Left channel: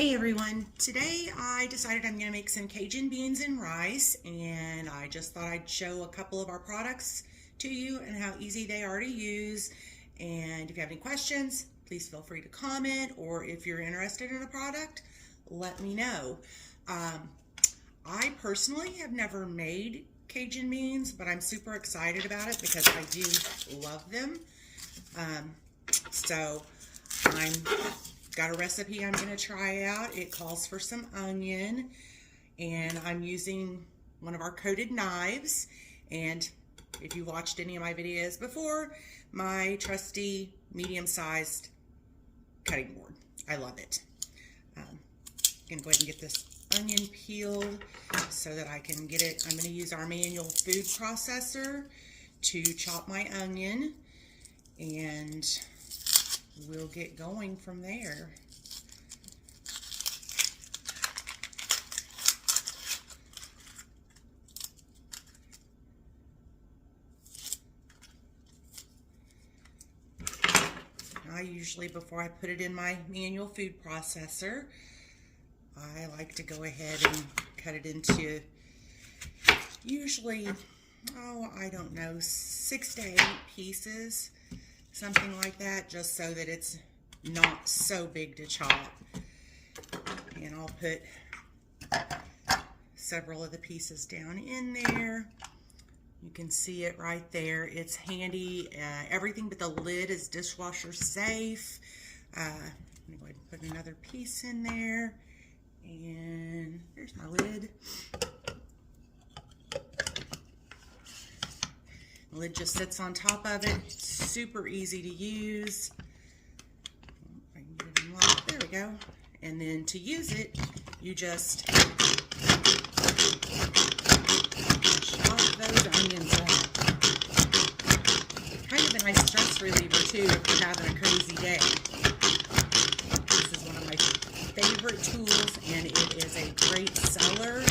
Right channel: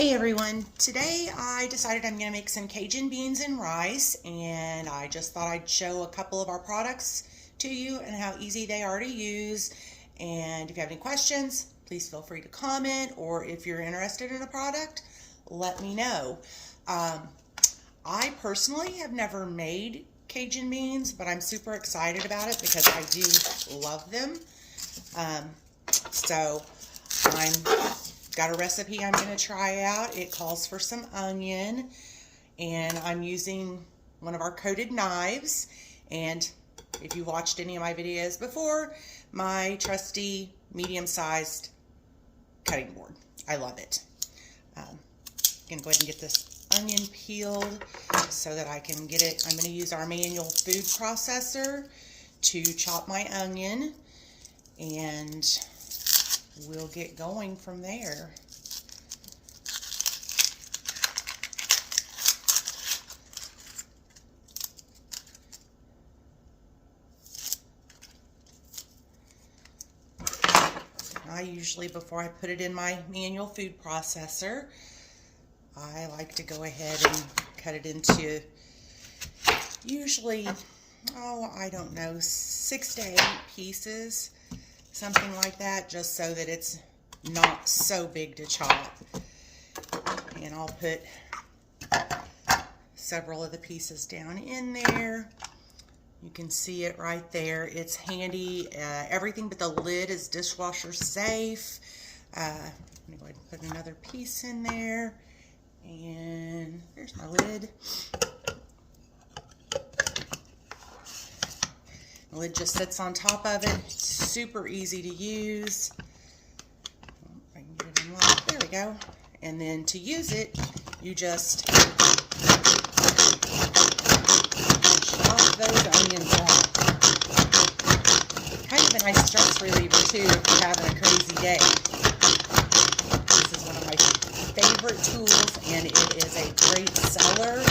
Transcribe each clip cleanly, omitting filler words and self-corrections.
Hey everyone, today I decided I'm going to make some Cajun beans and rice, and I just thought I'd show a couple of our products to you and how easy they are to use. And if you have any questions, please feel free to comment, or if you're interested in a product, let me know. I personally have never made Cajun beans, but I'm super excited about it because I do love them. So I'm got a recipe I'm going to try out. It calls for some onion, and I'm using one of our coated knives. And if you watched any of my videos before, my trusty medium-sized cutting board. I love it. I'm going to go ahead and get this onion peeled so that I can get it. I'm going to use our manual food processor to chop my onion, and we'll get going from there. I usually, before I put it in my manual food processor, I like to go ahead and cut it into usually, I don't know, 6 to 8 pieces. Something like that, just so that it's not so big to chop. And I'll put several of the pieces down in there. You can see it right there. It's handy. Everything but the lid is dishwasher safe. Let me go ahead and put another piece in there. And here's my lid. The lid just sits on top of it. It's super easy to use. I can get it in line. There we go. And then to use it, you just chop those onions out. Kind of a nice stress reliever too if you're having a crazy day. This is one of my favorite tools, and it is a great seller.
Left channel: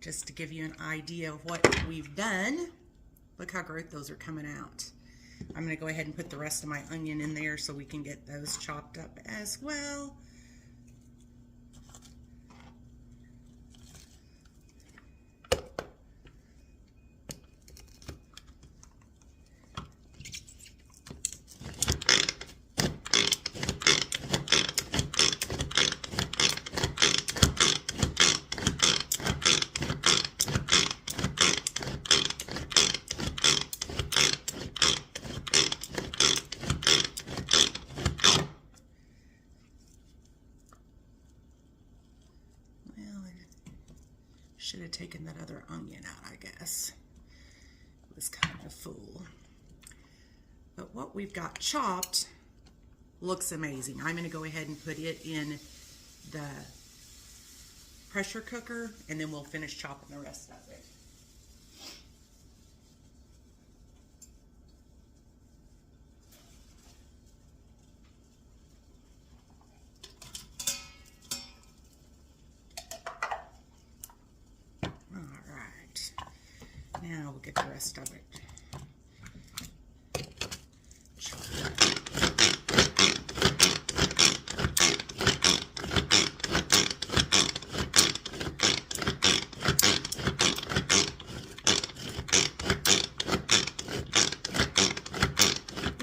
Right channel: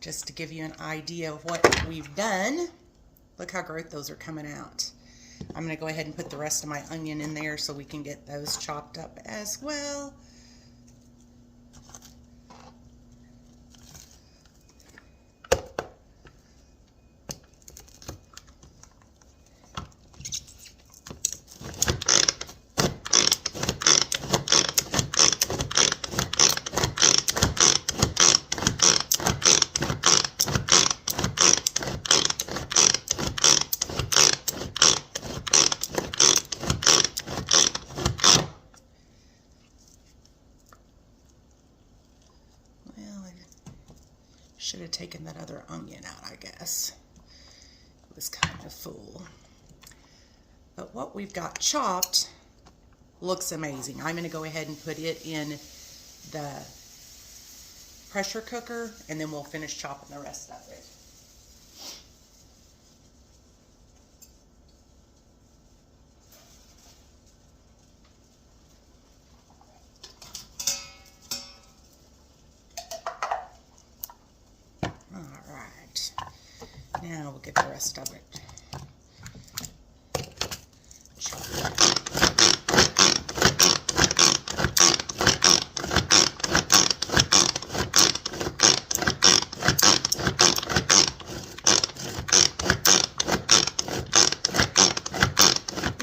Just to give you an idea of what we've done. Look how great those are coming out. I'm going to go ahead and put the rest of my onion in there so we can get those chopped up as well. Should have taken that other onion out, I guess. It was kind of full. But what we've got chopped looks amazing. I'm going to go ahead and put it in the pressure cooker, and then we'll finish chopping the rest of it. Now we'll get the rest of it.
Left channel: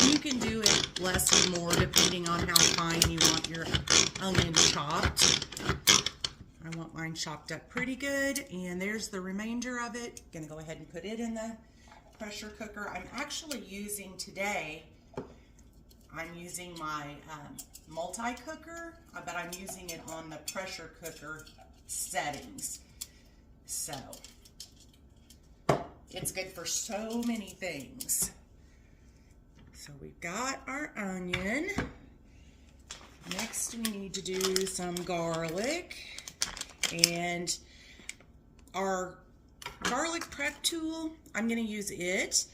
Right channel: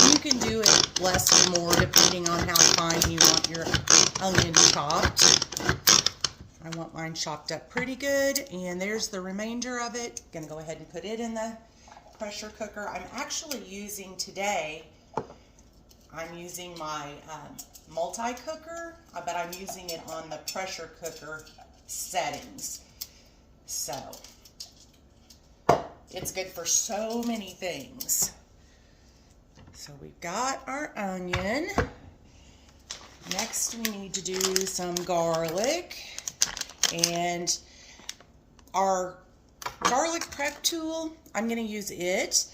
You can do it less or more depending on how fine you want your onion chopped. I want mine chopped up pretty good, and there's the remainder of it. Gonna go ahead and put it in the pressure cooker. I'm actually using today, I'm using my multi-cooker, but I'm using it on the pressure cooker settings. So, it's good for so many things. So we've got our onion. Next we need to do some garlic. And our garlic prep tool, I'm going to use it.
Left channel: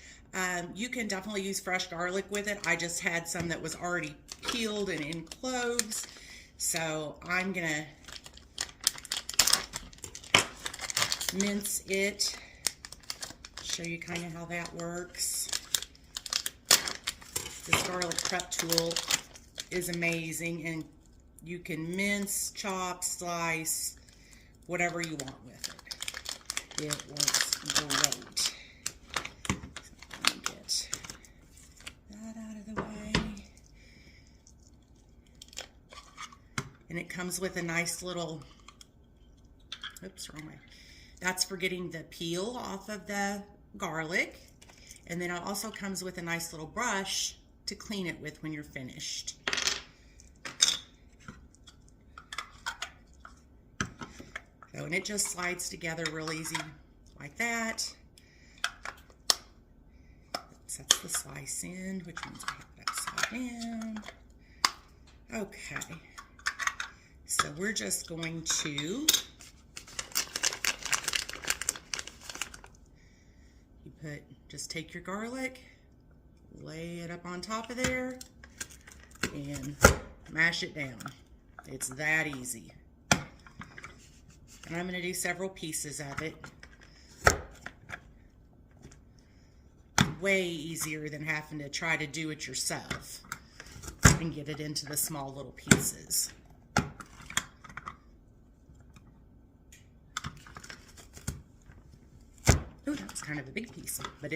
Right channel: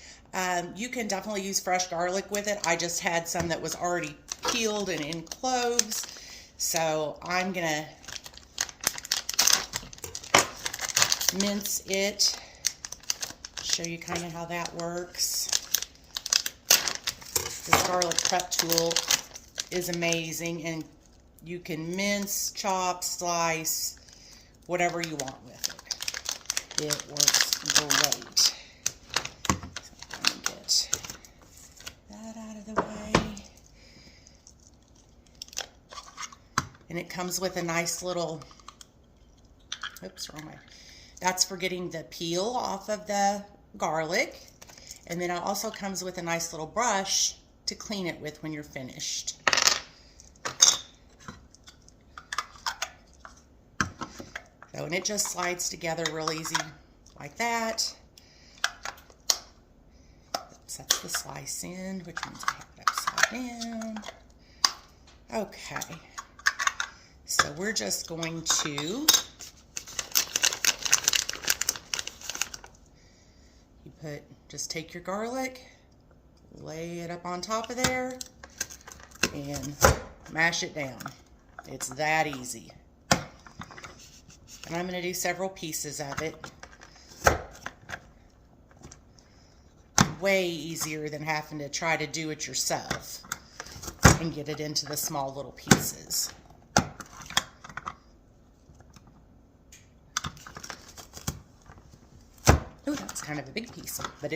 You can definitely use fresh garlic with it. I just had some that was already peeled and in cloves. So I'm going to mince it, show you kind of how that works. This garlic prep tool is amazing, and you can mince, chop, slice, whatever you want with it. It works great. So let me get that out of the way. And it comes with a nice little, oops, wrong way. That's for getting the peel off of the garlic. And then it also comes with a nice little brush to clean it with when you're finished. So, and it just slides together real easy like that. Sets the slice in, which means I have it upside down. Okay. So we're just going to just take your garlic, lay it up on top of there, and mash it down. It's that easy. And I'm going to do several pieces of it. Way easier than having to try to do it yourself and get it into the small little pieces. Oh, that was kind of a big piece, but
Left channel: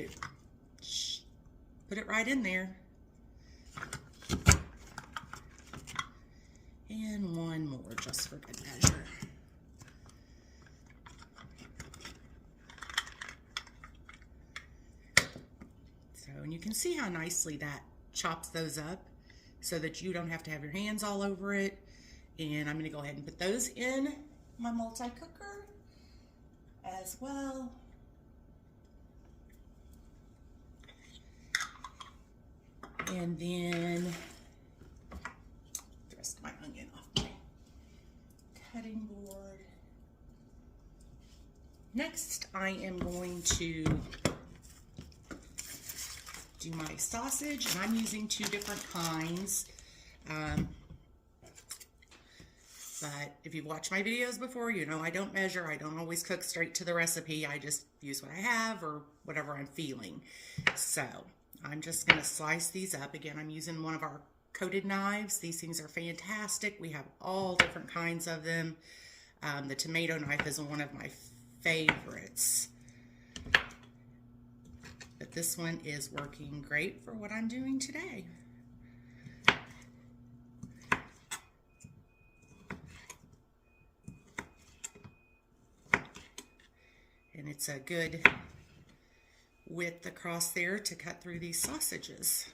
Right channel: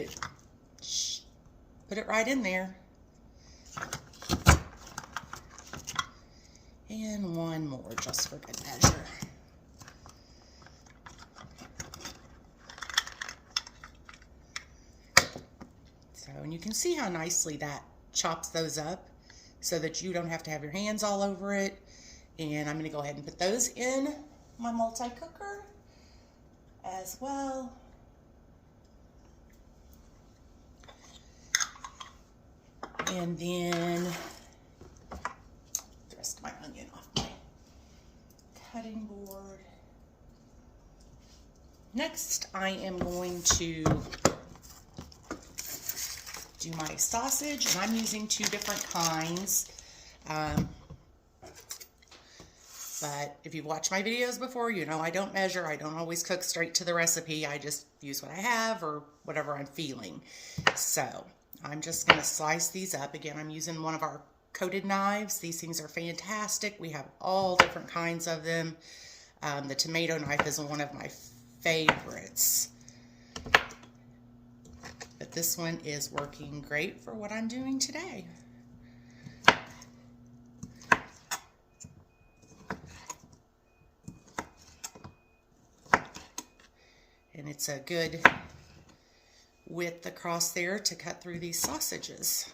put it right in there. And one more just for good measure. So, and you can see how nicely that chops those up so that you don't have to have your hands all over it. And I'm going to go ahead and put those in my multi-cooker as well. And then the rest of my onion off my cutting board. Next, I am going to do my sausage, and I'm using 2 different kinds. But if you've watched my videos before, you know I don't measure. I don't always cook straight to the recipe. I just use what I have or whatever I'm feeling. So I'm just going to slice these up. Again, I'm using one of our coated knives. These things are fantastic. We have all different kinds of them. The tomato knife is one of my favorites. But this one is working great for what I'm doing today. And it's a good width across there to cut through these sausages.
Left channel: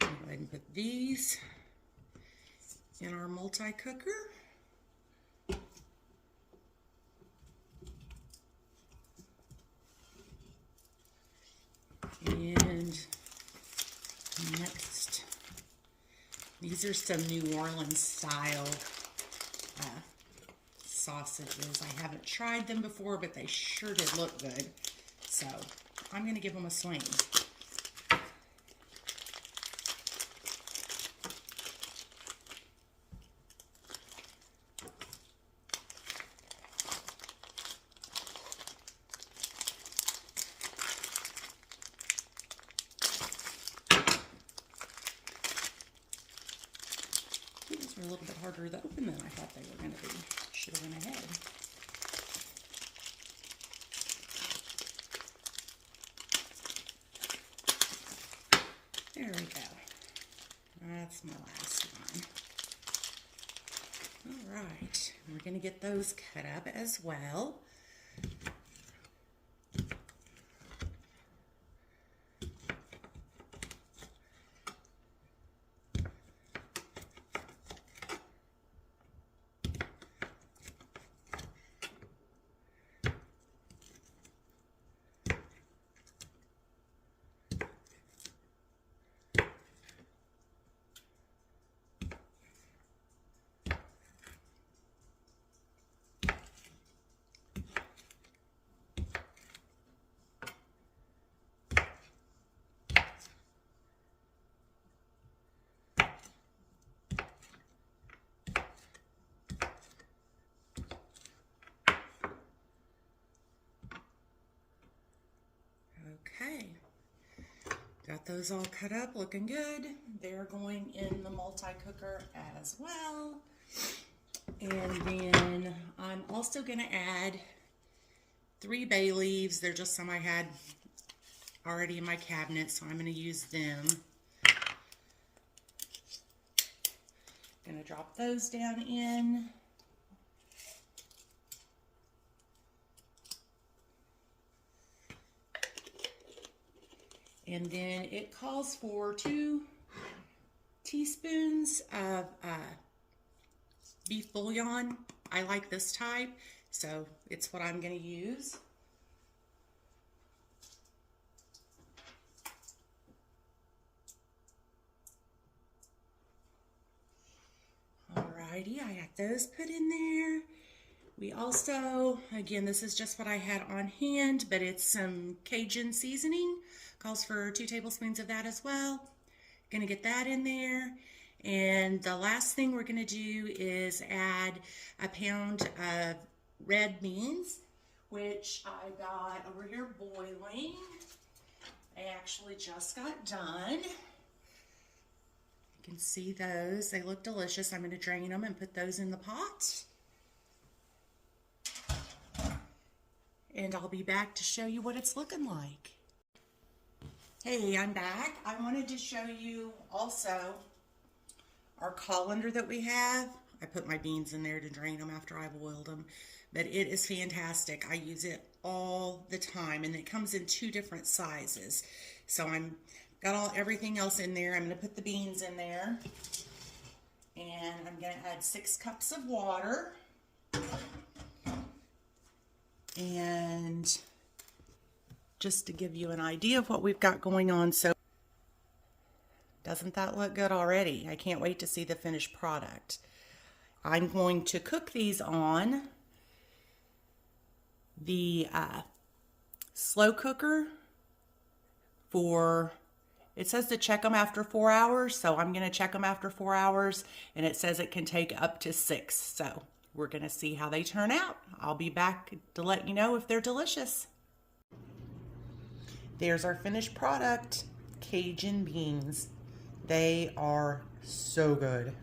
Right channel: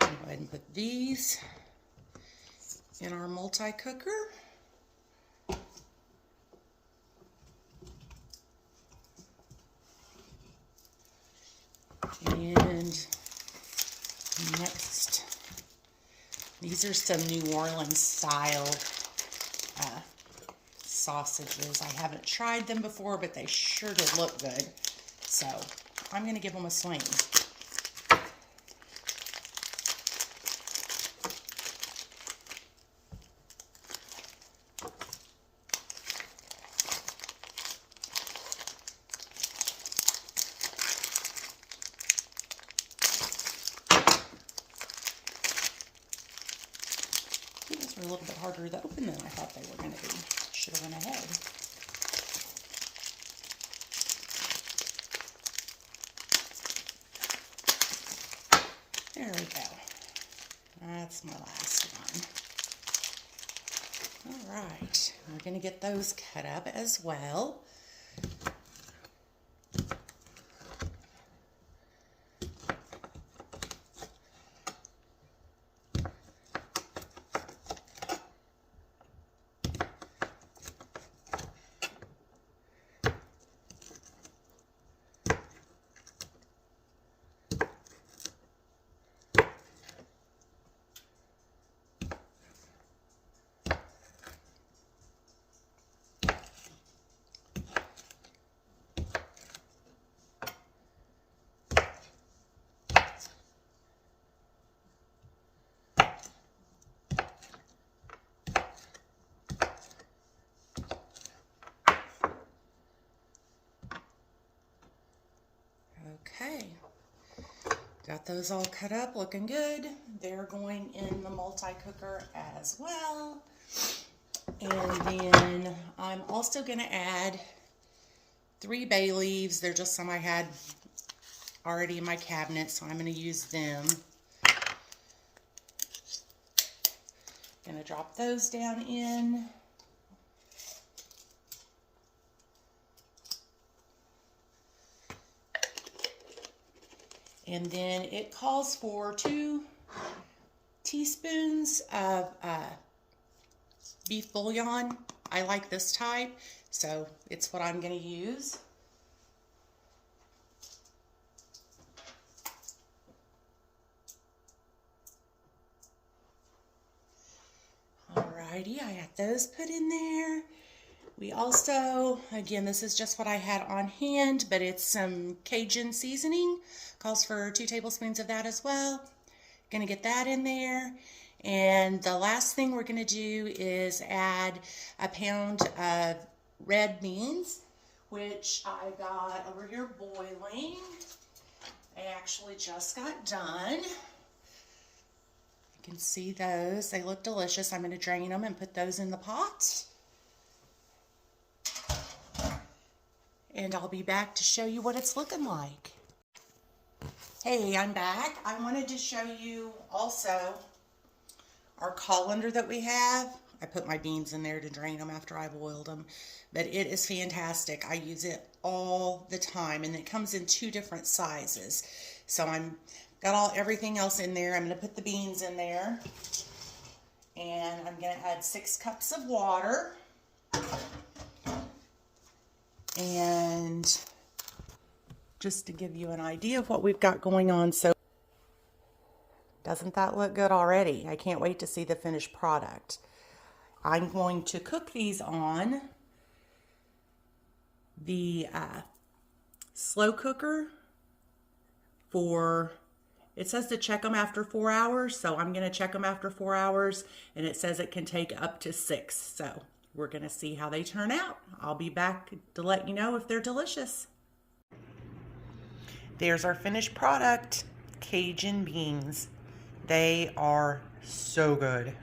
Go ahead and put these in our multi-cooker. And next, these are some New Orleans style sausages. I haven't tried them before, but they sure did look good. So I'm going to give them a swing. These were a little bit harder to open than I thought they were going to be. Should have went ahead. There we go. That's my last one. All right, we're going to get those cut up as well. Okay, got those all cut up, looking good. They're going in the multi-cooker as well. And then I'm also going to add 3 bay leaves. They're just some I had already in my cabinet, so I'm going to use them. Going to drop those down in. And then it calls for 2 teaspoons of beef bouillon. I like this type, so it's what I'm going to use. Alrighty, I got those put in there. We also, again, this is just what I had on hand, but it's some Cajun seasoning. Calls for 2 tablespoons of that as well. Gonna get that in there. And the last thing we're gonna do is add a pound of red beans, which I got over here boiling. They actually just got done. You can see those, they look delicious. I'm gonna drain them and put those in the pot. And I'll be back to show you what it's looking like. Hey, I'm back. I wanted to show you also our colander that we have. I put my beans in there to drain them after I boiled them, but it is fantastic. I use it all the time, and it comes in 2 different sizes. So I'm got everything else in there. I'm going to put the beans in there, and I'm going to add 6 cups of water. And just to give you an idea of what we've got going on, so doesn't that look good already? I can't wait to see the finished product. I'm going to cook these on the slow cooker for, it says to check them after 4 hours, so I'm going to check them after 4 hours, and it says it can take up to 6, so we're going to see how they turn out. I'll be back to let you know if they're delicious. There's our finished product, Cajun beans. They are so good.